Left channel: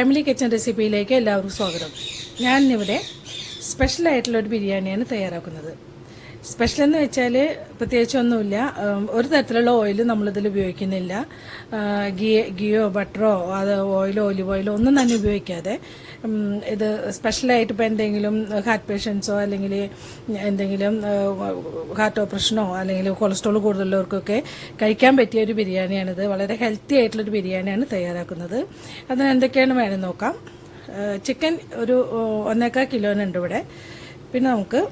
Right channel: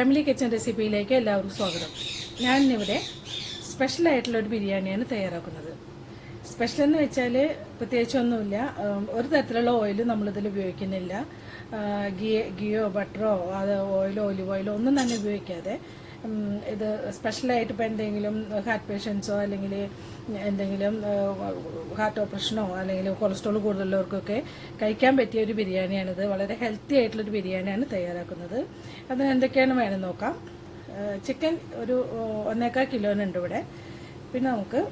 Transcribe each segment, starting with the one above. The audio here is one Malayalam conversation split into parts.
ഫാമിലി കിച്ചൺ റെസിപ്പിയിലേക്ക് എല്ലാവർക്കും സ്വാഗതം. ഞാനിവിടെ സ്പെഷ്യലായിട്ടുള്ളൊരു ബിരിയാണിയാണ് തയ്യാറാക്കുന്നത്. സ്പെഷ്യൽ എന്ന് വെച്ചാൽ പ്രത്യേകിച്ചൊന്നുമില്ല. ഒരു തരത്തിലുള്ള ഓയിൽ നമ്മളിതിൽ ഉപയോഗിക്കുന്നില്ല. ഗീയോ ബട്ടറോ അത് ഓയിലോ ഒലിവ് ഓയിലോ ഒന്നും തന്നെ ഉപയോഗിക്കാതെ ഇത് സ്പെഷ്യലായിട്ട് ഇപ്പോൾ എന്തെങ്കിലും ഹാർട്ട് പേഷ്യൻസോ അല്ലെങ്കിൽ എന്തെങ്കിലും ഹാർട്ട് ഓപ്പറേഷനോ അല്ലെങ്കിൽ കൊളസ്ട്രോൾ കൂടുതലുള്ളവർക്കൊക്കെ കഴിക്കാൻ പറ്റിയ ഒരു ബിരിയാണിയാണിത്. വളരെ ഹെൽത്തി ആയിട്ടുള്ളൊരു ബിരിയാണിയാണ് തയ്യാറാക്കുന്നത്. അതിന് എന്തൊക്കെയാണ് വേണം നോക്കാം. ചിക്കൻ ഒരു 1.25 കിലോനുണ്ട് ഇവിടെ. പിന്നെ നമുക്ക്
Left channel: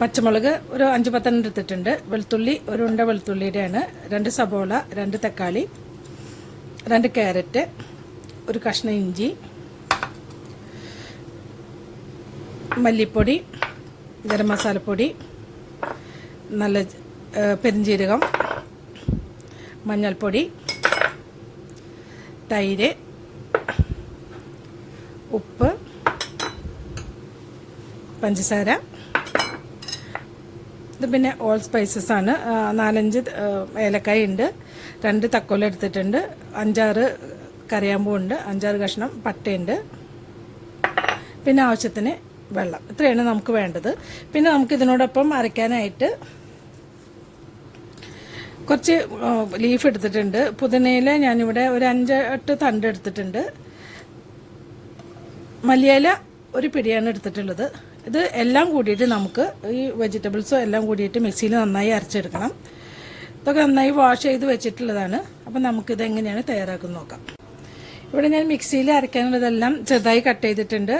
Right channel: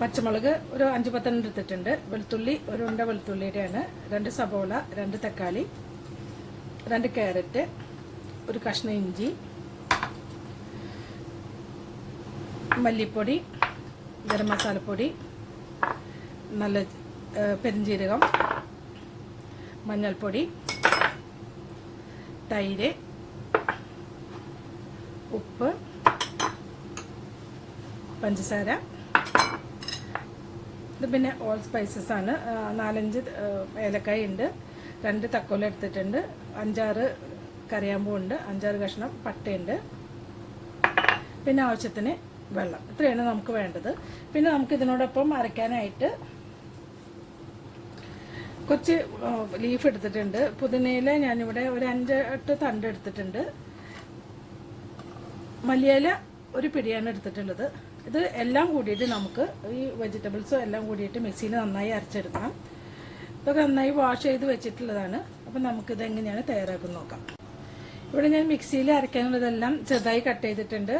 പച്ചമുളക് ഒരു 5-10 എടുത്തിട്ടുണ്ട്. വെളുത്തുള്ളി ഒരു ഉണ്ട വെളുത്തുള്ളിയുടെയാണ്. 2 സബോള, 2 തക്കാളി, 2 ക്യാരറ്റ്, ഒരു കഷ്ണം ഇഞ്ചി, മല്ലിപ്പൊടി, ഗരം മസാലപ്പൊടി, നല്ല പെരിഞ്ജീരകം, മഞ്ഞൾപ്പൊടി, തൈര്, ഉപ്പ്, പഞ്ചസാര. ഇത് പിന്നെ ഓൾ സ്പൈസസ് ആണ്. 4-5 ഏലക്കായ ഉണ്ട്, 2 തക്കോലം എടുത്തിട്ടുണ്ട്, 5-6 കറിയാമ്പൂ ഉണ്ട്, 5-6 കഷ്ണം പട്ടയുണ്ട്, പിന്നെ ആവശ്യത്തിന് വെള്ളം. ഇത്രയാണ് നമുക്ക് വേണ്ടത്. പിന്നെ നമുക്ക് ഇതിനോടൊപ്പം അരയ്ക്കാനായിട്ട് കുറച്ച് ലീഫ് എടുത്തിട്ടുണ്ട്. പുതിനയില ഞാനിവിടെ ഒരു 5-8 തണ്ട് എടുത്തിട്ടുണ്ട്. മല്ലിയില ഒരു പിടിയാണ് എടുത്തിട്ടുള്ളത്. ഇത് എല്ലാം കൂടിയിട്ട് നമുക്ക് ഈ വെജിറ്റബിൾസും എല്ലാം കൂടിയിട്ട് മിക്സിയിൽ നന്നായി അരച്ചെടുക്കണം. ഇതൊക്കെ നന്നായി വാഷ് ചെയ്ത് വെച്ചിട്ടുള്ളതാണ്. അപ്പം നമുക്കിത് എങ്ങനെയാണ് തയ്യാറാക്കുന്നത് നോക്കാം. ഇവിടെ ഞാൻ മിക്സിയിൽ അരയ്ക്കാനുള്ളതെല്ലാം ചെറുതായി കട്ട് ചെയ്തിട്ടുണ്ട്.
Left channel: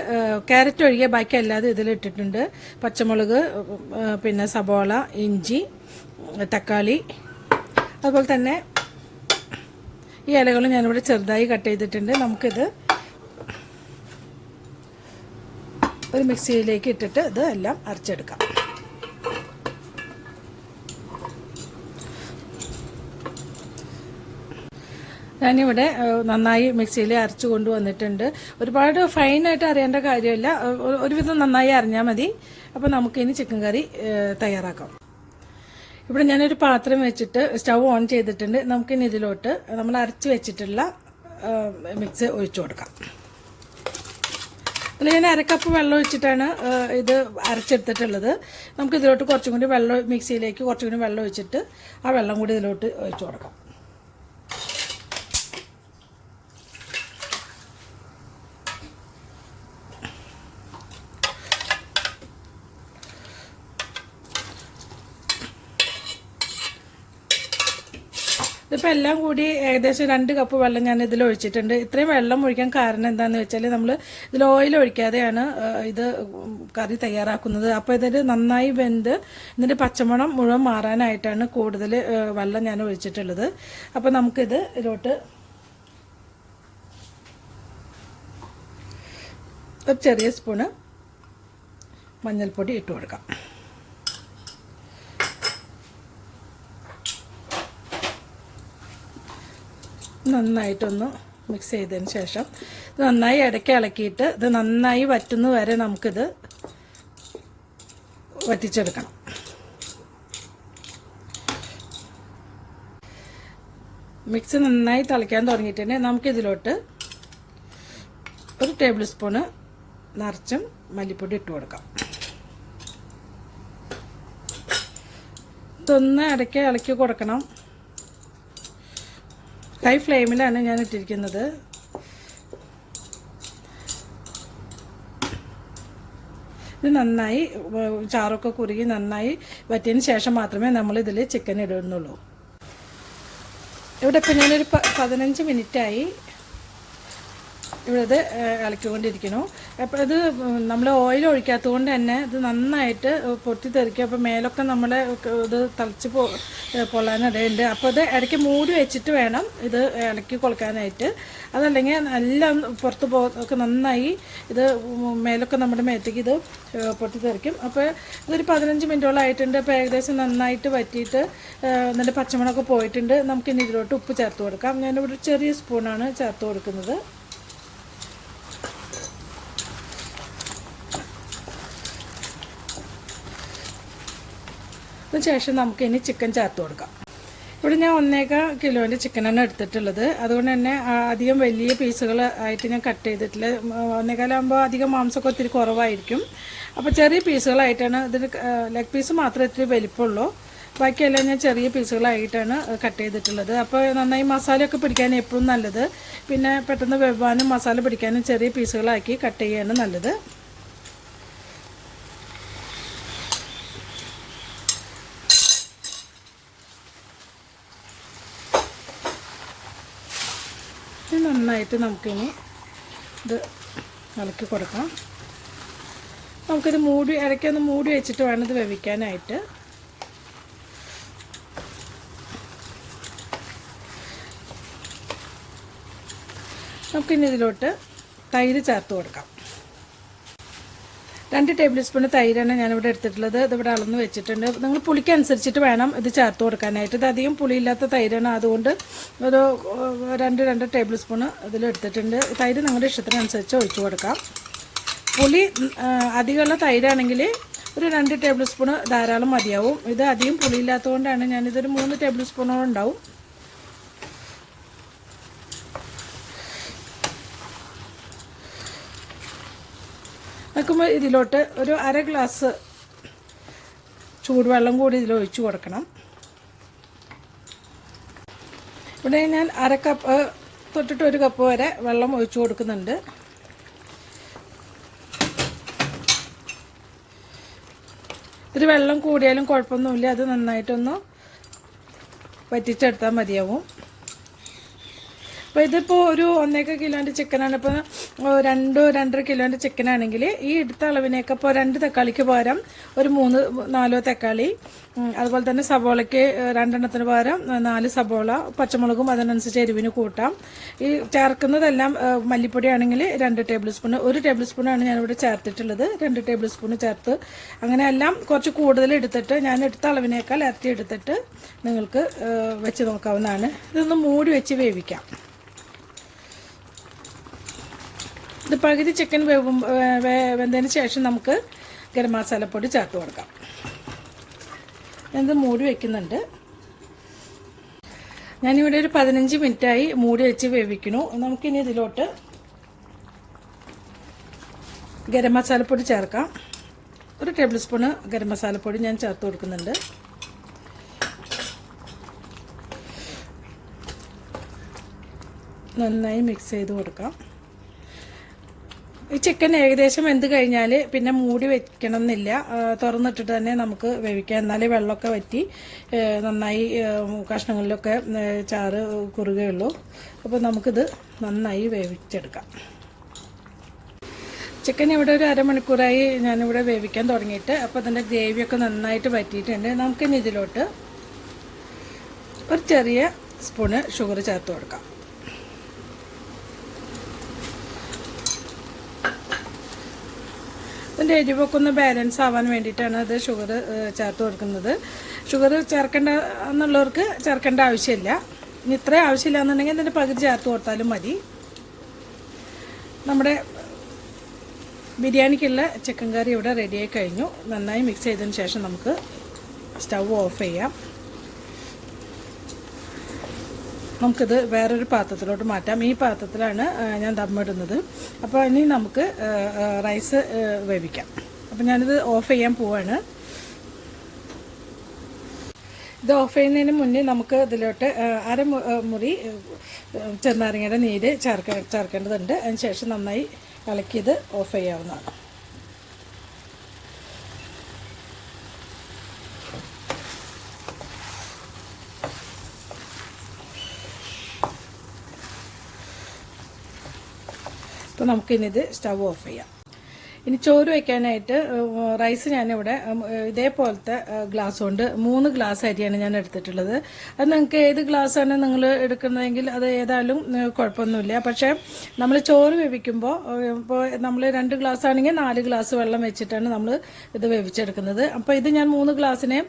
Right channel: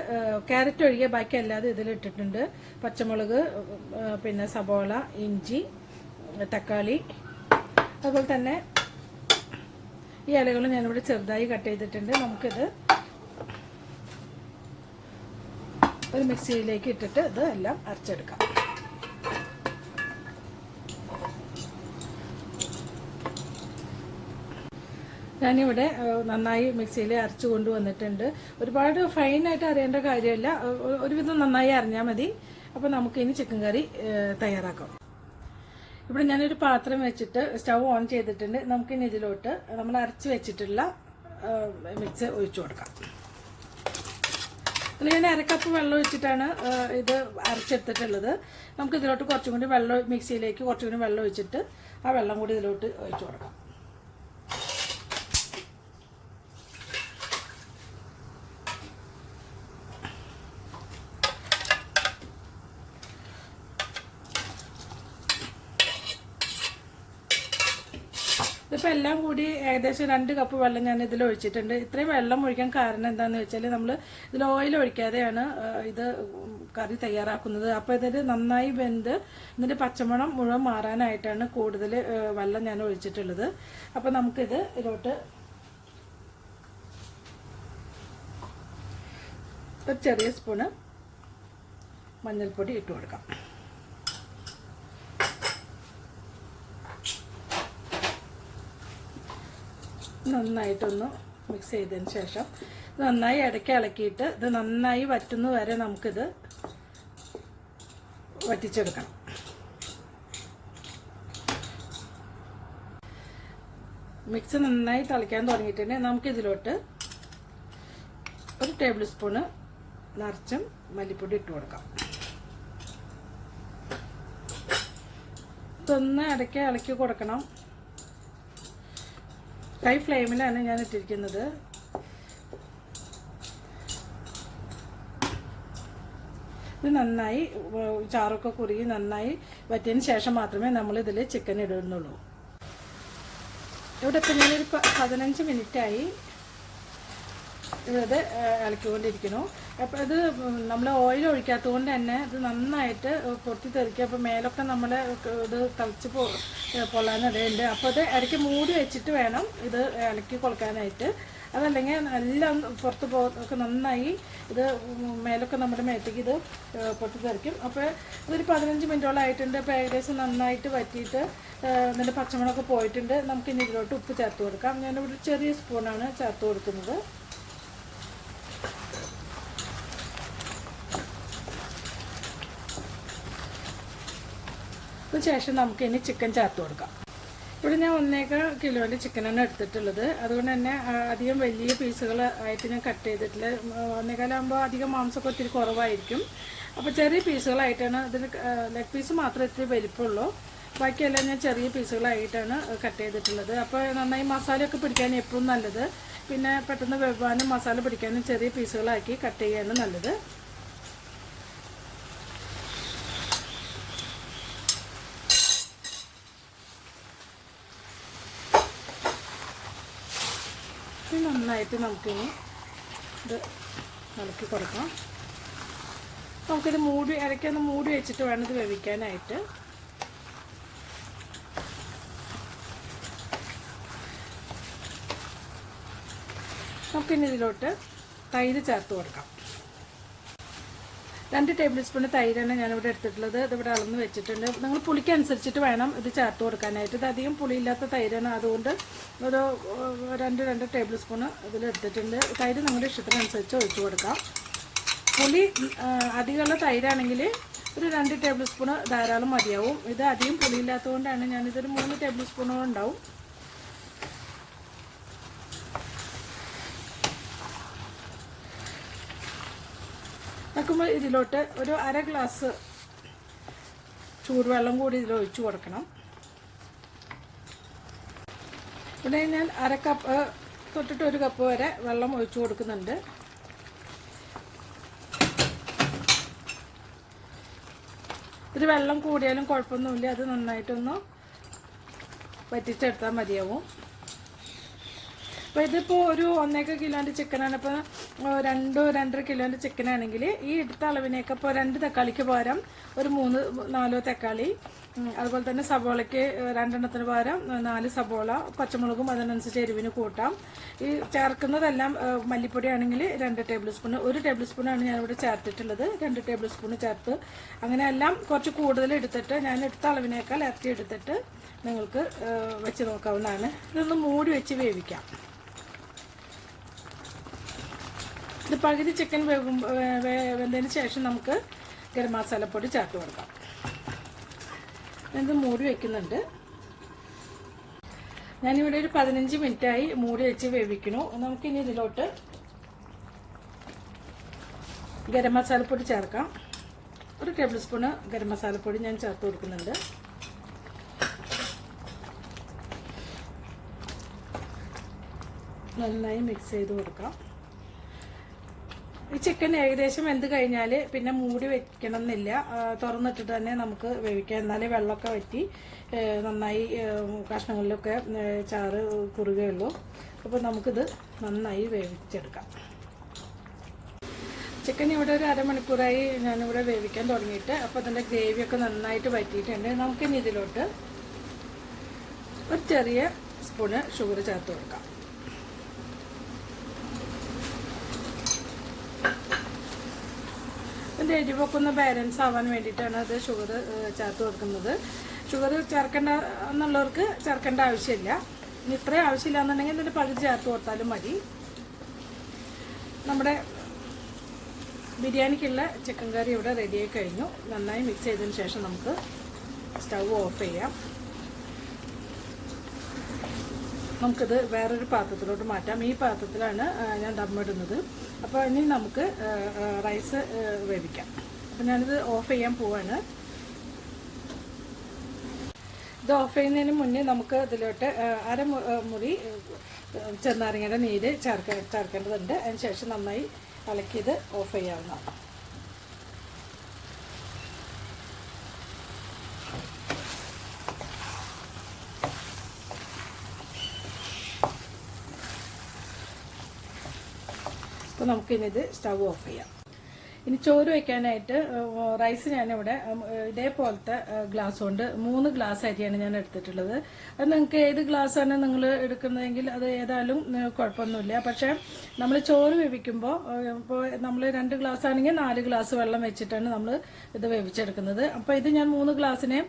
ക്യാരറ്റ് ഒഴികെ ബാക്കി അല്ലാതെ ഇതിലിട്ടിട്ടുണ്ട്. പച്ചമുളക്, പിന്നെ സബോള, ഇഞ്ചി, തക്കാളി, അതുപോലെ തന്നെ ഈ ഇലകളും ഞാനിവിടെ ചെറുതായി കട്ട് ചെയ്തിട്ടുണ്ട്. നമുക്കിത് ഒരു മിക്സിയിലേക്ക് ഇട്ടിട്ട് ഇത് എല്ലാം അരച്ചെടുക്കാം. ഞാനിവിടെ നന്നായി മിക്സിയിൽ അരച്ചു കൊണ്ടുവന്നിട്ടുണ്ട്. ഒരുപാട് ഫൈനായിട്ട് അറിയേണ്ട കാര്യമില്ല, ഒരുവിധം നന്നായി അരിഞ്ഞാൽ മതി. അപ്പോൾ നമുക്കിനി ചിക്കൻ കറി തയ്യാറാക്കാം. ഇവിടെ ഞാനൊരു പാത്രം വെച്ചിട്ട് സ്റ്റൗ ഓൺ ചെയ്തിട്ടുണ്ട്. നമുക്കിനി ഇതിലോട്ട് നമ്മൾ അരച്ച് വെച്ചിട്ടുള്ള മിക്സ് ഒഴിച്ചു കൊടുക്കാം. അതിൽ ഞാൻ 1 കപ്പ് വെള്ളം ഒഴിച്ചിട്ടാണ് ഇത് അരച്ചെടുത്തിട്ടുള്ളത്. നമുക്ക് ഇതിലോട്ട് കുറച്ചും കൂടി വെള്ളം, മിക്സിയിലേക്ക് കുറച്ചും കൂടി വെള്ളം ഒഴിച്ചിട്ട് ആ വെള്ളം കൂടി ഇതിലോട്ട് ഒഴിച്ചു കൊടുക്കാം. ഇതിപ്പോൾ എല്ലാം കൂടി ഏകദേശം 2 കപ്പ് വെള്ളം ഞാൻ ഇതിൽ ഒഴിച്ചിട്ടുണ്ട്. ഇത്രയും വെള്ളം ഒഴിക്കാൻ കാരണം എന്താണെന്ന് വെച്ചാൽ നമ്മൾ ഇതിൽ ഓയിൽ ഒഴിക്കാതെയാണ് ഇത് കറി തയ്യാറാക്കുന്നത്. അപ്പോൾ ഇതിൽ നന്നായി വെന്ത് ഇതിൻ്റെ പച്ചമണം മുഴുവൻ മാറാനായിട്ടാണ് കൂടുതൽ വെള്ളം ഞാൻ ഒഴിച്ചിട്ടുള്ളത്. അപ്പോൾ നമുക്കിത് ഇതിലോട്ട് ഒരു ചെറിയ സ്പൂണ് മഞ്ഞൾപ്പൊടി ഇട്ട് കൊടുക്കാം. നന്നായിട്ടൊന്ന് മിക്സ് ചെയ്തതിന് ശേഷം നന്നായി ഇടയ്ക്ക് ഇളക്കിയിട്ട് ഇത് നന്നായി വറ്റുന്ന വരെ നമുക്കിത് വറ്റിച്ചെടുക്കണം. മിക്സ് നന്നായി തിളയ്ക്കാൻ തുടങ്ങിയിട്ടുണ്ടെങ്കിൽ നമുക്കിതിലോട്ട് ഒരു ടേബിൾ സ്പൂണ് നിറച്ചും മല്ലിപ്പൊടി ഇട്ട് കൊടുക്കാം. ഇതൊന്ന് ഇടയ്ക്ക് ഇളക്കി കൊടുക്കണം. ഹൈ ഫ്ലെയിമിലാണ് ഞാൻ ഇട്ടിരിക്കുന്നത്. ഇത് നന്നായി ചാറൊക്കെ കുറുകി നന്നായി വറ്റിയതിന് ശേഷം മാത്രമേ നമ്മളിതിൽ ചിക്കൻ ഇടുന്നുള്ളൂ. ഇവിടെ ഇപ്പം ഞാനൊരു 15 മിനിറ്റായി ഇവിടെ ഇളക്കിക്കൊണ്ടിരിക്കുന്നു. അപ്പോൾ ഇത് നമ്മൾ ഓയിൽ ഒഴിക്കാത്തത് കൊണ്ട് തന്നെ ഇത് നന്നായിട്ട് പൊട്ടിത്തെറിക്കും. അപ്പോൾ മേലൊക്കെ നമ്മൾ ഇത് തിളച്ച് പൊള്ളാനിടയുണ്ട്. അപ്പോൾ ഇത് ഇടയ്ക്ക് മൂടി വെച്ചിട്ട് വേണം ഇത് ഇളക്കി കൊടുക്കാനായിട്ട്. അതല്ലെങ്കിൽ നല്ല പുറത്ത് ഒക്കെ നന്നായി ഇത് മേലൊക്കെ നമ്മുടെ മേത്തേക്ക് ഇത് പൊട്ടിത്തെറിക്കും. അപ്പോൾ ഇതൊരു 15 മിനിറ്റോളം ആയിട്ടുണ്ട്. അപ്പോൾ ഏകദേശം നന്നായിട്ട് വറ്റിയിട്ട് എന്നിട്ട് പച്ചമുളകൊക്കെ പോയിട്ടുണ്ട്. നമുക്കിനി ഇതിലോട്ട് ഉപ്പ് ചേർത്ത് കൊടുക്കാം. ഞാനിവിടെ ചെറിയ സ്പൂണാണ് ചേർത്ത് കൊടുക്കുന്നത്. അതിനുശേഷം നമുക്കിനി ചിക്കൻ ചേർത്ത് കൊടുക്കാം. ഇവിടെ ഞാൻ 1.25 കിലോൻ്റെ ചിക്കനാണ് എടുത്തിട്ടുള്ളത്. അതുകൊണ്ട് തന്നെ അധികം വലിയ പീസുകൾ ആയിട്ട് ഞാൻ കട്ട് ചെയ്തിട്ടില്ല. 1.25 ആകുമ്പോൾ അധികം മാംസമൊക്കെ ഒത്തിരി കുറവായിരിക്കും. അപ്പോൾ ചെറിയ പീസുകളായിട്ടാണ് ഇതിന് ലെഗ് പീസ് മാത്രമേ ഇത്തിരി വലിപ്പമുള്ളൂ. ബാക്കിയെല്ലാം ഞാൻ ചെറിയ പീസുകളായിട്ടാണ് കട്ട് ചെയ്തിട്ടുള്ളത്. അപ്പോൾ നന്നായി മസാലയൊക്കെ പിടിക്കാൻ എപ്പോഴും നല്ലത്. പിന്നെ പെട്ടെന്ന് വെവ്വാനും മസാല പിടിക്കാനും ചെറിയ പീസുകളാക്കി കട്ട് ചെയ്യാണ് നല്ലത്. നന്നായിട്ട് നമുക്കിനി ഇത് ഇളക്കി കൊടുക്കാം. നമുക്കിത് ഇടയ്ക്കൊന്ന് മൂടി വെച്ചിട്ട് വേണം ഇത് വേവിക്കാനായിട്ട്. നമുക്കിനി ഇതിലോട്ട് തൈര് ചേർത്ത് കൊടുക്കാം. 2 ടേബിൾ സ്പൂൺ തൈരാണ് ഞാനിവിടെ എടുത്തിട്ടുള്ളത്. ഇതിവിടെ അളന്ന് വെച്ചിട്ടുണ്ട്. നിങ്ങൾ പുളിക്കനുസരിച്ചിട്ട് വേണം ഇത് ചേർത്ത് കൊടുക്കാനായിട്ട്. ഇത് അധികം പുളിയില്ലാത്ത തൈരാണ്, അതുകൊണ്ട് ഒരു 2 ടേബിൾ സ്പൂൺ ഇതിലെടുത്തിട്ടുണ്ട്. തൈര് നിങ്ങളുടെ ഇഷ്ടത്തിനനുസരിച്ച് ഒഴിച്ചു കൊടുക്കാം. പുളി അധികമുള്ള തൈരാണെങ്കിൽ ഒരു 2 ടേബിൾ സ്പൂൺ ധാരാളം മതിയാവും. ഇത് അധികം പുളിയില്ലാത്തതുകൊണ്ടാണ് ഞാനിതൊരു 3 ടേബിൾ സ്പൂണോളം ഉണ്ടാവും. നോക്കുമ്പോൾ ഇതിലോട്ട് ഒരു 1/2 ഗ്ലാസ് ചൂടുവെള്ളം കൂടി ഇതിൽ ഒഴിച്ചു കൊടുക്കണം. ഇവിടെ ഞാൻ 1/2 കപ്പ് തൊട്ടിട്ട് 1 കപ്പ് വരെ വെള്ളം ഒഴിച്ചു കൊടുക്കുന്നുണ്ട്. ഇത് വെള്ളം കൂടിയാലും കുഴപ്പമൊന്നുമില്ല. അത് നന്നായിട്ടൊന്ന് വറ്റിച്ചെടുത്താൽ മതിയാവും. അപ്പോൾ ഇതിപ്പോൾ ഒരു 1.25 കിലോൻ്റെ ചിക്കനാണ്. ഇപ്പോൾ 2-2.5 കിലോൻ്റെ ചിക്കനാണെങ്കിൽ ഈ എടുത്ത അളവിനേക്ക് ഇപ്പോൾ 2 തക്കാളിക്ക് പകരം ഒരു 3-4 തക്കാളി, അതുപോലെ തന്നെ സവോളയ്ക്ക് 2 എണ്ണത്തിന് പകരം 4 സവോള, പച്ചമുളകും അതിനനുസരിച്ച് എരിവിന് കൂട്ടാം. ഈ ചേർക്കുന്നതെല്ലാം മല്ലിപ്പൊടിയാണെങ്കിൽ 2 ടേബിൾ സ്പൂൺ, 1 ടേബിൾ സ്പൂണാണ് ഞാനിവിടെ ചേർത്തിട്ടുള്ളത്. 2 ടേബിൾ സ്പൂൺ ചേർത്ത് അങ്ങനെ എല്ലാം കുറച്ച് കൂടുതൽ എടുത്തിട്ട് ഞാൻ എടുത്ത അളവിനേക്കാൾ ഇരട്ടി എടുത്തിട്ട് നിങ്ങൾക്ക് വെച്ച് നോക്കാവുന്നതാണ്. ഇതൊന്ന് മൂടി വെച്ച് വേവിക്കാം. ഇത് പകുതി ചിക്കൻ വെന്തതിന് ശേഷം നമുക്ക് ഗരം മസാലപ്പൊടി ചേർത്ത് കൊടുക്കാം. ഇത് മൂടി വയ്ക്കുന്നുണ്ട്. ഞാനിവിടെ ഒരു 15 മിനിറ്റായി മൂടി വെച്ച് വേവിക്കണു. നമുക്കിനി ഇതിലോട്ട് ഗരം മസാലപ്പൊടി ചേർക്കാം. 1 ടേബിൾ സ്പൂണ് ഗരം മസാലപ്പൊടി ഞാൻ ചേർത്ത് കൊടുക്കുന്നുണ്ട്. നന്നായി മിക്സ് ചെയ്ത് കൊടുക്കാം. ഈ ചിക്കൻ ഏകദേശം വെന്ത് കഴിഞ്ഞാൽ പിന്നെ മൂടി വെക്കണം എന്നില്ല. തുറന്നിട്ടിട്ട് തന്നെ നമുക്ക് വേവിക്കാം. എന്നാലേ വെള്ളമൊക്കെ വറ്റി നന്നായി കഷ്ണങ്ങളിലൊക്കെ ചാറ് കുറുകയുള്ളൂ. അപ്പോൾ നമുക്കിത് നന്നായി വേവിച്ചെടുക്കാം. ചിക്കൻ ഇവിടെ ഒരു അരമണിക്കൂറായി ഞാനിവിടെ വേവിക്കാൻ തുടങ്ങിയിട്ട്. അപ്പോൾ അതിൻ്റെ ഗ്രേവിയൊക്കെ നന്നായിട്ട് വറ്റിയിട്ടുണ്ട്. നമുക്കിനി ഇതിലോട്ട് ഒരു ചെറിയ സ്പൂണ് ഷുഗർ ചേർത്ത് കൊടുക്കാം. ഇതിൻ്റെ എരിവൊക്കെ ഒന്ന് ബാലൻസ് ആവാൻ വേണ്ടിയിട്ടാണ് അത് ഷുഗർ ചേർത്ത് കൊടുക്കുന്നത്. ഷുഗർ ചേർക്കേണ്ട എന്നുള്ളവർക്ക് ചേർക്കേണ്ട ആവശ്യമില്ല. ഇനി ഇത്രയും ആവശ്യമില്ല എന്നുണ്ടെങ്കിൽ ഇതിൻ്റെ പകുതി ചേർത്ത് കൊടുത്താലും മതി. നമ്മുടെ ബിരിയാണിക്കുള്ള ചിക്കൻ കറി ഇവിടെ റെഡിയായി കഴിഞ്ഞു. നന്നായി മിക്സ് ചെയ്തതിന് ശേഷം നമുക്ക് സ്റ്റൗ ഓഫ് ചെയ്യാം. നമുക്കിത് വേറൊരു പാത്രത്തിലോട്ട് മാറ്റാം. ഈ പാത്രത്തിലാണ് ഞാൻ ദമ്മിടുന്നത്. അപ്പോൾ ഇനി നമുക്ക് റൈസ് വേവിക്കാം. അപ്പോൾ ഞാനിത് ഓഫ് ചെയ്യാൻ പോവാണ്. ഇത് ഓഫ് ചെയ്യുന്നതിന് മുന്നേ നമുക്ക് ഇതിലോട്ട് മുറി ചെറുനാരങ്ങയുടെ നീര് ചേർക്കേണ്ടതുണ്ട്. അതിന് ശേഷം നന്നായി ഇളക്കിയത് ഓഫ് ചെയ്യാവുന്നതാണ്. അപ്പോൾ നമുക്കിനിത് സ്റ്റവ് ഓഫ് ചെയ്യാം. ഇനി ചോറ് വയ്ക്കാനായിട്ട് റൈസ് ഞാനിവിടെ ഇതേപോലത്തെ ഗ്ലാസ് കൊണ്ട് 3 ഗ്ലാസ് അരിയാണ് ഞാൻ എടുത്തിട്ടുള്ളത്. അത് നിങ്ങൾക്ക് ഏത് ഗ്ലാസ്സാണ് നിങ്ങൾ എടുക്കുന്നതെങ്കിൽ അത് ഏതായാലും കുഴപ്പമൊന്നുമില്ല. പക്ഷേ നമ്മൾ ചോറ് വേവിക്കുമ്പോൾ ഇപ്പോൾ നമ്മൾ 2 ഗ്ലാസ് ആണെങ്കിൽ 4 ഗ്ലാസ് വെള്ളം വെച്ചിട്ടാണ് നമ്മൾ ഇത് വേവിച്ചെടുക്കുന്നത്. അപ്പോൾ ഇത് ഞാൻ 3 ഗ്ലാസ്സിന്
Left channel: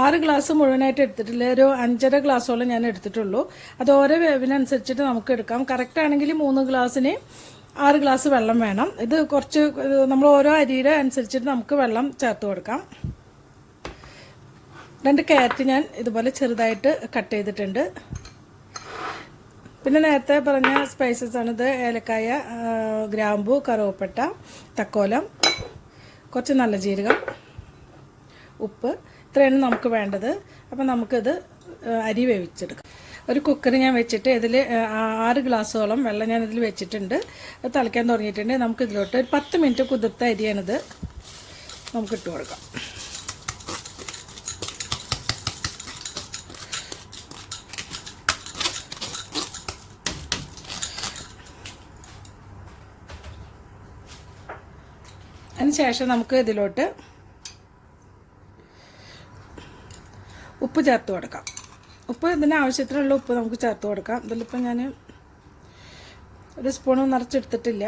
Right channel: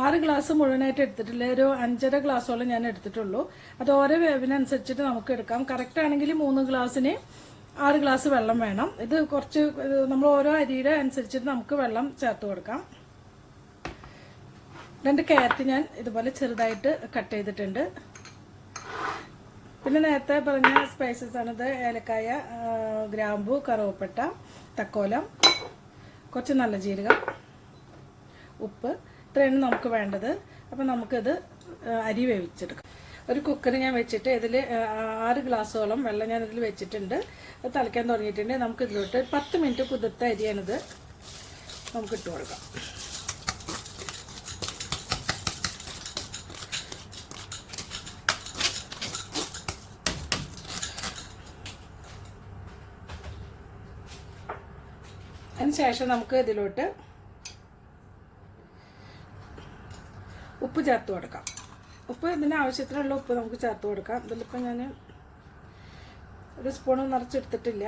6 ഗ്ലാസ് മുഴുവനായിട്ട് എടുത്തിട്ടില്ല. ഒരു 5.5 ഗ്ലാസ്സോളം ഞാൻ എടുത്തിട്ടുള്ളൂ. അത് ഓരോ വേവിനനുസരിച്ചിട്ട് നമുക്ക് എടുക്കാം. കറക്റ്റ് ആണെങ്കിൽ 3 ഗ്ലാസ്സിന് 6 ഗ്ലാസ് വെള്ളം വേണം. ഇത് കുറച്ച് നമ്മൾ ഓരോ അരിയുടെ അനുസരിച്ചിട്ട് നമുക്ക് വെള്ളം ചേർത്ത് കൊടുക്കാം. 2 ക്യാരറ്റ് ഞാൻ ഇതുപോലെ ചെറുതായിട്ട് കട്ട് ചെയ്തിട്ടുണ്ട്. പിന്നെ നേരത്തെ പറഞ്ഞ സ്പൈസസ് ആണിത്. ഏലക്കായ, ഗ്രാമ്പു, കറുവപ്പട്ട, തക്കോലം, കുറച്ച് നല്ല ജീരകം, ഉപ്പ്, ഇത്രയാണ് നമുക്ക് വേണ്ടത്. അപ്പോൾ നമുക്കിത് അരി വേവിച്ചെടുക്കാം. ഒരു കുക്കർ ഞാൻ വെച്ചിട്ട് ഇതിൽ 6 ഗ്ലാസ്സോളം വെള്ളം ഞാൻ ഇതിൽ വെച്ചിട്ടുണ്ട്. അത് തിളയ്ക്കാൻ തുടങ്ങിയിട്ടുണ്ട്. നമുക്കിതിലോട്ട് ഒരു 10 മിനിറ്റ് കുതിർത്ത അരിയാണിത്. നമുക്ക് ഇട്ട് കൊടുക്കാം. അതിനുശേഷം നമുക്ക് ഇതിലോട്ട് ഉപ്പ് ചേർത്ത് കൊടുക്കാം. ഉപ്പ് ഇതിന് ആവശ്യത്തിനുള്ള ഉപ്പ് നമുക്ക് ചേർത്ത് കൊടുക്കാം. ഇതിലിപ്പോൾ ഞാൻ ഒരു സ്പൂൺ നിറച്ചെടുത്തിട്ടില്ല.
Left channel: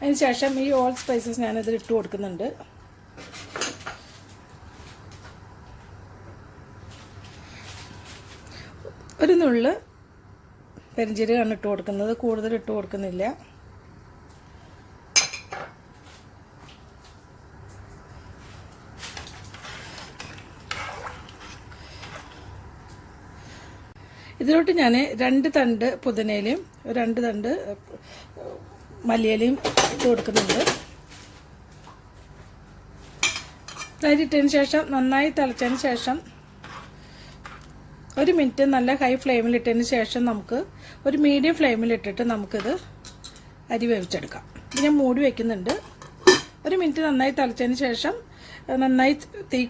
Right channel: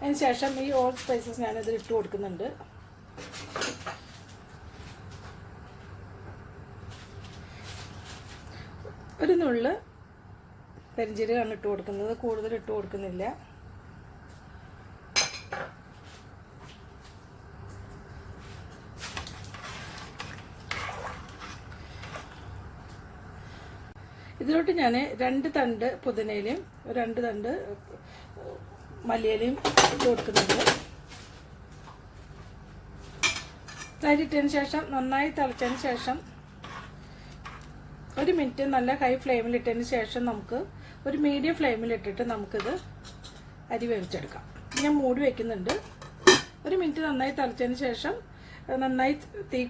അതിനുശേഷം ഈ ഓൾ സ്പൈസസ് ഞാനിതിൽ ഇട്ട് കൊടുക്കുന്നുണ്ട്. ഒരു നുള്ള് പെരിഞ്ജീരകമാണ് ഇട്ട് കൊടുക്കുന്നത്, കൂടുതൽ ഇട്ട് കൊടുക്കുന്നില്ല. ഇതിലോട്ട് ഞാൻ 2 തണ്ട് പുതിനയിലയും 2 തണ്ട് മല്ലിയിലയും ഇട്ട് കൊടുക്കുന്നുണ്ട്. അരിയിട്ടതിന് ശേഷം നന്നായി തിളച്ചതിന് ശേഷം 1 മിനിറ്റ് നല്ല ഹൈ ഫ്ലെയിമിലിട്ടതിന് ശേഷം നമുക്ക് ഒരു മീഡിയം ഫ്ലെയിമിലിട്ടിട്ട് നമുക്കിത് അരി വേവിച്ചെടുക്കാം. ഇത് ഞാൻ മൂടി വയ്ക്കുന്നുണ്ട്. 1 മിനിറ്റ് നന്നായി തിളച്ചതിന് ശേഷം നന്നായി തീ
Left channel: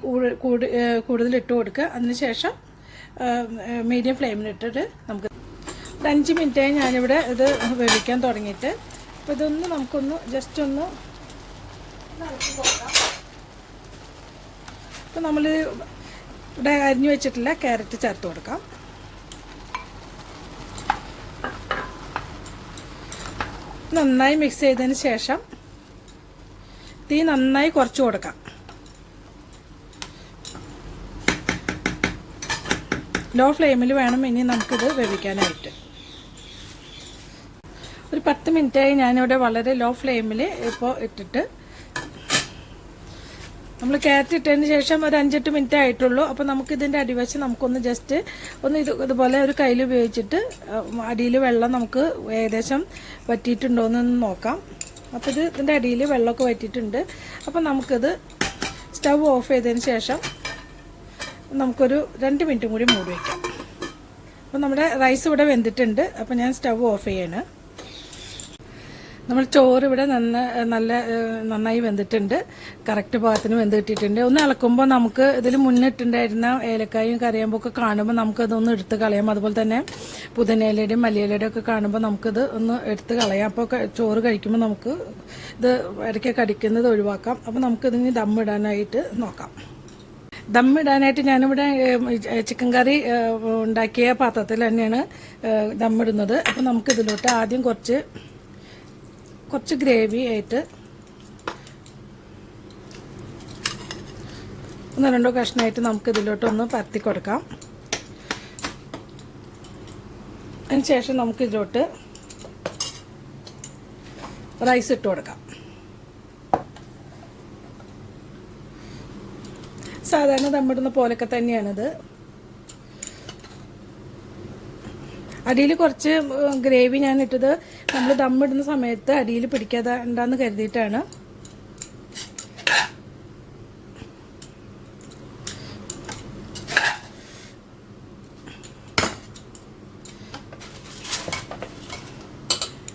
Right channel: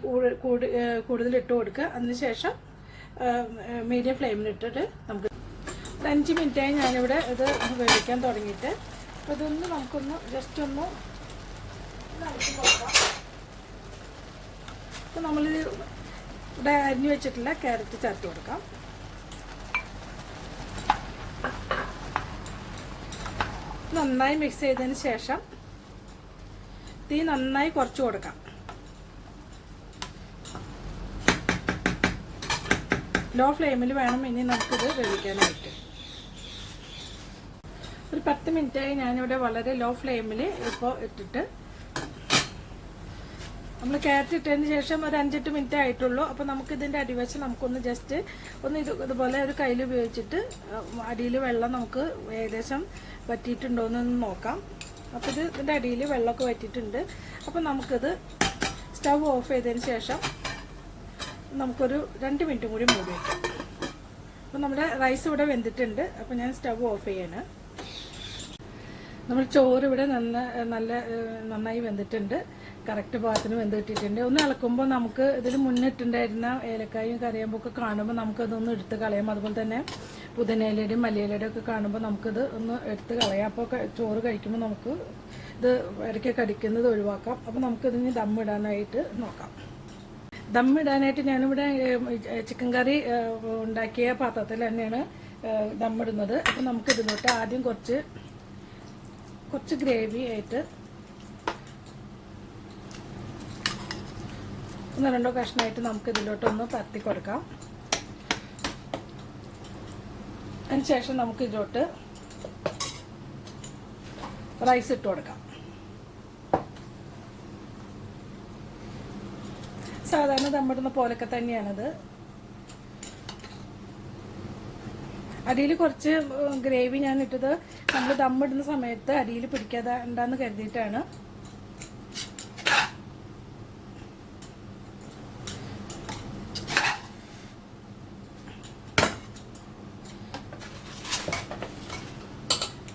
കൂടുതൽ ഇട്ട് കൊടുക്കുക. അതിനുശേഷം മീഡിയം ഫ്ലെയിമിലിട്ടിട്ട് നമുക്ക് 5 മിനിറ്റായി ഞാനിവിടെ ഇത് വേവിക്കാൻ തുടങ്ങിയിട്ട്. അപ്പോൾ ഇതൊന്ന് നമുക്കൊന്ന് ജസ്റ്റ് ഒന്ന് അപ്പോൾ നമ്മൾ ഇവിടെ അരിഞ്ഞു വെച്ചിട്ടില്ല ക്യാരറ്റ് ചേർത്ത് കൊടുക്കാം. നന്നായി മിക്സ് ചെയ്തതിന് ശേഷം തീ നന്നായി കുറച്ച് കൊടുക്കാം. ലോ ഫ്ലെയിമിൽ വേണം ഇനി നമുക്കിത് വേവിക്കാനായിട്ട്. ഒരു 10 മിനിറ്റായി ഞാനിവിടെ വളരെ ലോ ഫ്ലെയിമിൽ ഇപ്പോൾ ഇട്ടിട്ട് നമ്മൾ ക്യാരറ്റ് ഇട്ടതിന് ശേഷം ഒരു 5-8 മിനിറ്റ് ആയിട്ടുള്ളൂ. അപ്പോൾ നമുക്കിതിൻ്റെ അടിവശം നമുക്കൊന്ന് ജസ്റ്റ് ഒന്ന് ഇതുപോലെ ഒരു കയ്യിൽ ഉപയോഗിച്ചിട്ട് അടിയിൽ വെള്ളം നമുക്ക് ഏകദേശം വറ്റിയിട്ടുണ്ടോ എന്നൊന്ന് നോക്കാം. അപ്പോൾ ഇതിൻ്റെ അടിയിൽ വെള്ളമൊക്കെ വറ്റിയിട്ടുണ്ട്. അപ്പോൾ നമുക്കിത് സ്റ്റൗ ഓഫ് ചെയ്തതിന് ശേഷം നമുക്കൊരു 2 മിനിറ്റും കൂടി മൂടി വയ്ക്കാം. അപ്പോൾ നമ്മുടെ റൈസ് ഇവിടെ വെന്തിട്ടുണ്ട്. അപ്പോൾ ഞാൻ സ്റ്റൗ ഓഫ് ചെയ്യാണ്. നമ്മൾ ചോറ് ഇവിടെ നന്നായി വെന്തിട്ടുണ്ട്. കറക്റ്റ് പാകത്തിന് വെന്ത് കിട്ടിയിട്ടുണ്ട്. ഒന്ന് ഇളക്കുമ്പോൾ നമുക്ക് ഇതിൽ മുന്നിട്ടുണ്ടായിരുന്ന ഏലക്കായും കറിയാമ്പൊക്കെ കാണുമ്പോൾ നമുക്കതൊന്ന് എടുത്ത് കളയാം. അതുപോലെ തന്നെ പുതിനയിലയുടെയും മല്ലിയിലയുടെയും ഒക്കെ കാണുമ്പോൾ നമുക്കിത് ഒന്ന് എടുത്ത് കളയാം. അപ്പോൾ ചോറ് കഴിക്കുമ്പോൾ നമുക്ക് ഇത് ഇടയ്ക്ക് കടിക്കുന്നത് ഒഴിവാക്കാം. അപ്പോൾ നമുക്കിതിന് ദമ്മിടാനായിട്ട് നോക്കാം. ദമ്മിടാനായിട്ട് ഞാനിവിടെ ചിക്കൻ കറി ഉണ്ടാക്കിയ പാത്രത്തിൽ തന്നെയാണ് ദമ്മിടുന്നത്. അപ്പോൾ നമുക്കിതിലോട്ട് ആദ്യം കുറച്ച് ഗ്രേവി ആയിട്ട് 1-2 കഷ്ണമായിട്ട് നമുക്കിതിലോട്ടൊന്ന് പരത്തി കൊടുക്കാം. അതിനുശേഷം നമുക്കിതിലോട്ട് റൈസ് ഇട്ട് കൊടുക്കാം. സാധാരണ ദമ്മിടുന്ന പോലൊക്കെ തന്നെയാണിത്. അടിയിൽ കുറച്ച് ഗ്രേവി ഞാൻ ഇട്ടത് നമ്മൾ ദമ്മിടുന്ന സമയത്ത് അടിയിൽ പിടിക്കാതെ ഉണ്ടാന്ന് കരുതിയിട്ടാണ്.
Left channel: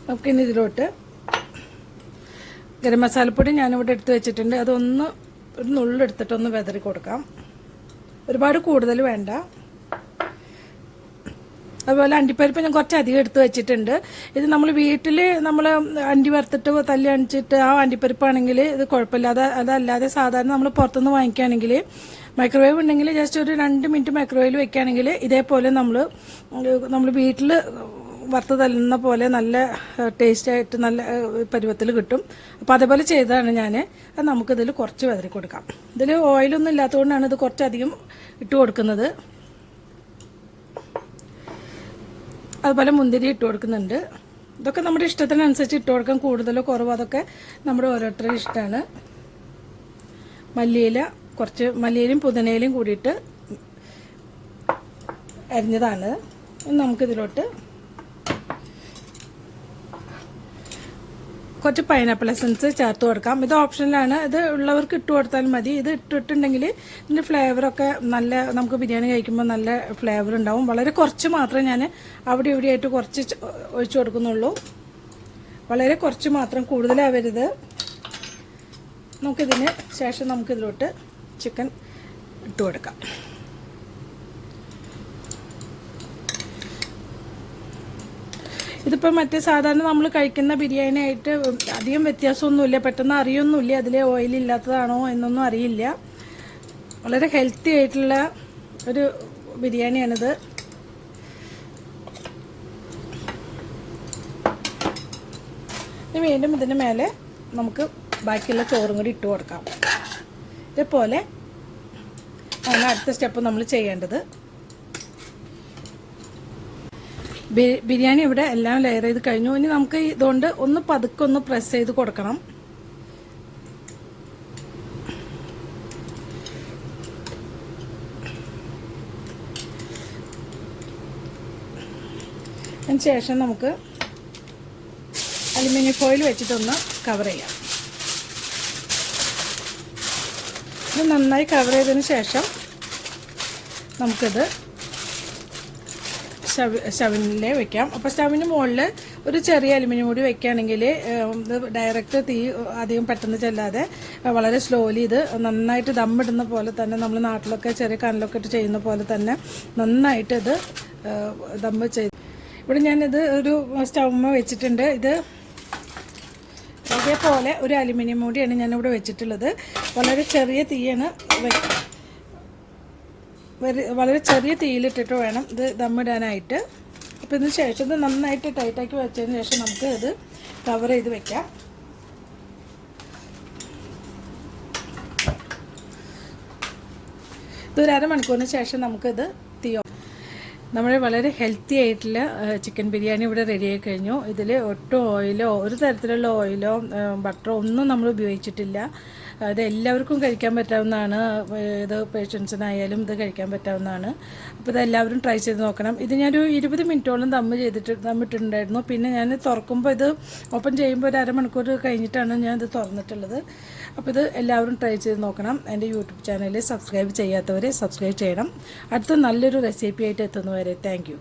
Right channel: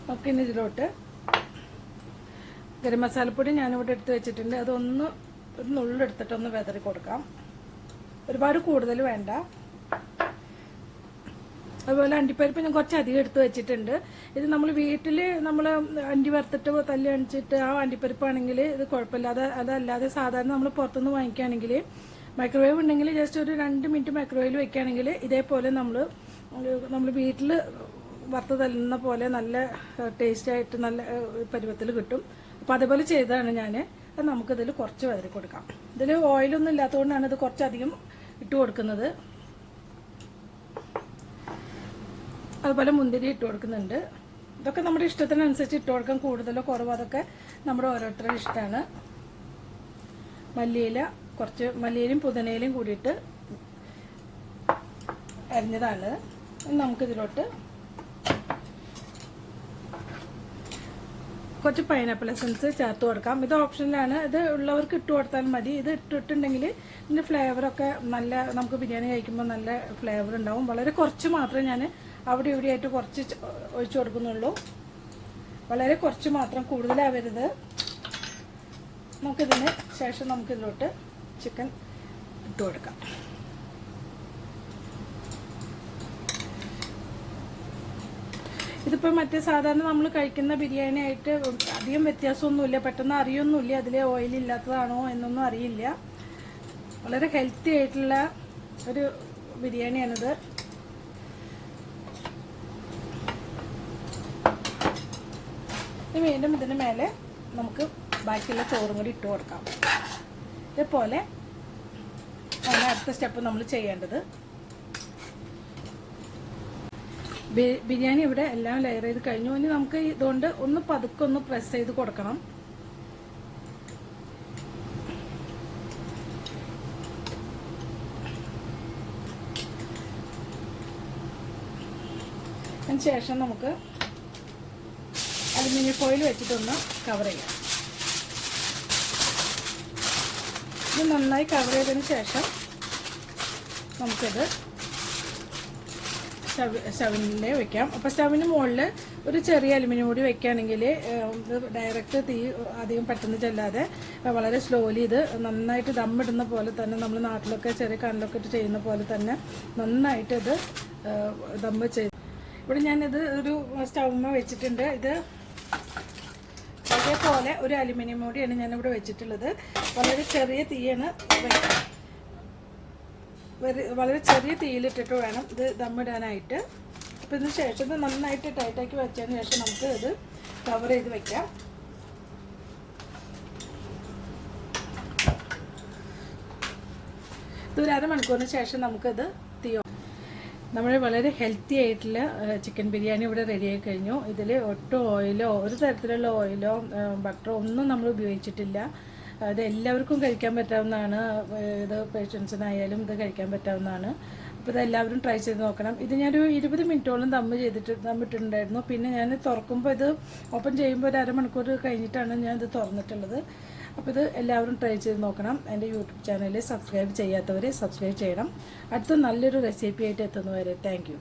നമുക്കിനി ഇതിലോട്ട് ഗരം മസാലപ്പൊടി ഞാനിവിടെ എടുത്ത് വെച്ചിട്ടുണ്ട്. അതൊന്ന് ഒരു നുള്ളെടുത്തിട്ടൊന്ന് വെതറി കൊടുക്കാം. ഒരുപാട് കൂടുതൽ വേണ്ട. അതുപോലെ അണ്ടിപ്പരിപ്പ് ഞാൻ കുറച്ചധികം എടുത്ത് വെച്ചിട്ടുണ്ട്. ഇത് നമ്മൾ വീട്ടിൽ നമ്മൾ അണ്ടി വറുത്തിട്ട് തല്ലി അണിച്ചിട്ട് ആ അണ്ടിപ്പരിപ്പാണെങ്കിൽ ഇത് കുഴപ്പമില്ല. അതല്ലാതെ സാധാരണ നമ്മൾ പുറത്തുനിന്ന് വാങ്ങിക്കുകയാണെങ്കിൽ മൈക്രോവേവ് ഉണ്ടെങ്കിൽ ജസ്റ്റ് ഒരു 2 മിനിറ്റ് മൈക്രോവേവിൽ വെക്കുകയാണെങ്കിൽ ഇതേപോലെ നമ്മൾ വീട്ടിൽ വറുത്ത് തല്ലുന്ന പോലെ നല്ല ടേസ്റ്റായിട്ട് നല്ല പരുവത്തിൽ കിട്ടും. അപ്പോൾ അതേപോലെ ചെയ്തതാണ് ഞാൻ. അത് നമുക്കിതിൽ കുറച്ച് വെതറി കൊടുക്കാം. ഇതിൽ ഓയിലൊന്നും ഇല്ലാത്തതുകൊണ്ടാണ് ഇത് കുറച്ചധികം ഇട്ട് കൊടുക്കുന്നത്. അതുപോലെ മുന്തിരി ഇട്ട് കൊടുക്കുന്നുണ്ട്. ഇതൊക്കെ നമ്മുടെ ഇഷ്ടത്തിനനുസരിച്ച് ഇട്ട് കൊടുക്കാം, കൂടുതലോ കുറവോ അതൊക്കെ നമ്മുടെ ഓരോരുത്തരുടെ ഇഷ്ടമാണ്. മല്ലിയില, കുറച്ച് മല്ലിയിലയും പുതിനയിലയും കൂടിയിട്ട് അരിഞ്ഞതാണ്. നമുക്കിതിലോട്ട് കുറച്ച് പൈനാപ്പിൾ എസൻസ് ചേർത്ത് കൊടുക്കാം. ഇത് ഓപ്ഷനിലാണ്, ഇത് ഉള്ളവർക്ക് ഇട്ട് കൊടുത്താൽ മതി. ഇത് ഇട്ടിട്ടുണ്ടെങ്കിൽ ഇതിൻ്റെ ഫ്ലേവറൊക്കെ നല്ല, നമുക്ക് ബിരിയാണി കഴിക്കുമ്പോൾ നല്ല ഫ്ലേവർ ഉണ്ടാവും. വളരെ കുറച്ച് മാത്രമേ ഞാൻ അവിടെ ഇവിടെ ആയിട്ട് കുറച്ച് ഒഴിച്ചു കൊടുക്കുന്നുള്ളൂ. വളരെ കുറച്ച് മാത്രം, കൂടുതലാവരുത്. നമുക്കിതിന് ശേഷം നമുക്കിതിലോട്ട് ചിക്കൻ ഇട്ട് കൊടുക്കാം. ഇതിപ്പോൾ മറ്റേ സാധാരണ നമ്മൾ കഴിക്കുന്ന ബിരിയാണി ആയിട്ട് അധികം വ്യത്യാസമൊന്നുമില്ല, പെട്ടെന്ന് അറിയൊന്നുമില്ല അതിൽ ഓയിലില്ലാത്തതാണോ എന്നൊന്നും അറിയില്ല. വളരെ ഹെൽത്തി ആയിട്ടുള്ള ഒരു ബിരിയാണിയാണിത്. വീണ്ടും ഇതിന് മേലെ നമുക്ക് ബാക്കിയുള്ള ചോറും കൂടി ഇട്ട് കൊടുക്കാം. ഇതേപോലെ ആണ് അടുത്ത സ്റ്റെപ്പ് നമ്മൾ ചെയ്യേണ്ടത്. ബിരിയാണി ഇവിടെ എല്ലാം ലെയർ ചെയ്ത് കഴിഞ്ഞു. ഇനി നമുക്ക് ഇതുകൊണ്ട് ഒന്ന് പതുക്കെ ഒന്ന് പ്രസ് ചെയ്ത് കൊടുക്കണം. അതിന് ശേഷം നമുക്ക് അലുമിനിയം ഫോയിൽ വെച്ചിട്ടൊന്ന് കവർ ചെയ്യാം. ഇത് നന്നായി കവർ ചെയ്തതിന് ശേഷം നമുക്കിത് സ്റ്റവിനെ വെക്കാം. അപ്പോൾ സ്റ്റവിന് മുകളിൽ ഒരു ചെറിയ അലുമിനിയം കൂടി വെക്കുകയാണെങ്കിൽ ഇത് ഡയറക്റ്റ് തീ അധികം പെട്ടെന്ന് ചെല്ലാതെ വളരെ സ്ലോലി ഇത് നന്നായിട്ട് ദമ്മിടുന്ന പോലെ തന്നെ, നമ്മൾ നാട്ടിലൊക്കെ ചെറിയ കനലൊക്കെ ഇട്ട് ചെയ്യുന്ന പോലെ തന്നെ നന്നായിട്ട് ഇത് ദമ്മ് ചെയ്ത്. ഇവിടെ ഞാനിത് ഒരു സ്റ്റൗമ്മ വെച്ചിട്ടുണ്ട്. ഇത് ഇതേപോലെ ഒരു അലുമിനിയം മൂടിയാണ് ഞാനിവിടെ വെച്ചിട്ടുള്ളത്. വളരെ ചെറിയ തീയാണ്, വളരെ ചെറിയ തീയിലിട്ടിട്ട് വേണം ഇത് ദമ്മിടാനായിട്ട്. അപ്പോൾ ഇതിന് ശേഷം ഇത് നന്നായിട്ട് ടൈറ്റാക്കി വെച്ചതിന് ശേഷം നമുക്ക് ഇത് കവർ ചെയ്ത് വെക്കാം. ഇതൊരു അരമണിക്കൂറിന് ശേഷം നമുക്കിത് നമ്മൾ വളരെ ഹെൽത്തി ആയിട്ടുള്ള ചിക്കൻ ബിരിയാണി ഇവിടെ റെഡിയായി കഴിഞ്ഞു. ഇതിൽ ഒട്ടും ഓയിലോ ഒരു തരത്തിലുള്ള ഓയിലോ ബട്ടറോ ഒന്നും നമ്മൾ ഉപയോഗിച്ചിട്ടില്ല. ഇത് എല്ലാവർക്കും കഴിക്കാൻ പറ്റാവുന്നതാണ്. ഇത് പേഷ്യൻസിനായാലും ഇത് കഴിക്കാൻ പറ്റാവുന്നതാണ്. അപ്പോൾ ഇത് എല്ലാവരും ട്രൈ ചെയ്ത് നോക്കണം. ഇത് ഞാനൊരു 20 മിനിറ്റോളം ദമ്മിട്ടിട്ടുണ്ടായിരുന്നു. പിന്നെ ഞാൻ തുറക്കുമ്പോൾ ഇത് ഓപ്പൺ ചെയ്യുമ്പോൾ ഒരു അരമണിക്കൂർ കഴിഞ്ഞിട്ടാണ് ഞാൻ ഇത് തുറന്നിട്ടുള്ളത്. അപ്പോൾ ഇത് എല്ലാവരും ട്രൈ ചെയ്ത് നോക്കണം. എൻ്റെ യൂട്യൂബ് ചാനൽ സബ്സ്ക്രൈബ് ചെയ്യാത്തവരെ സബ്സ്ക്രൈബ് ചെയ്യണം. അടുത്ത നല്ലൊരു റെസിപ്പി ആയിട്ട് എത്തുന്നവരെ താങ്ക് യു.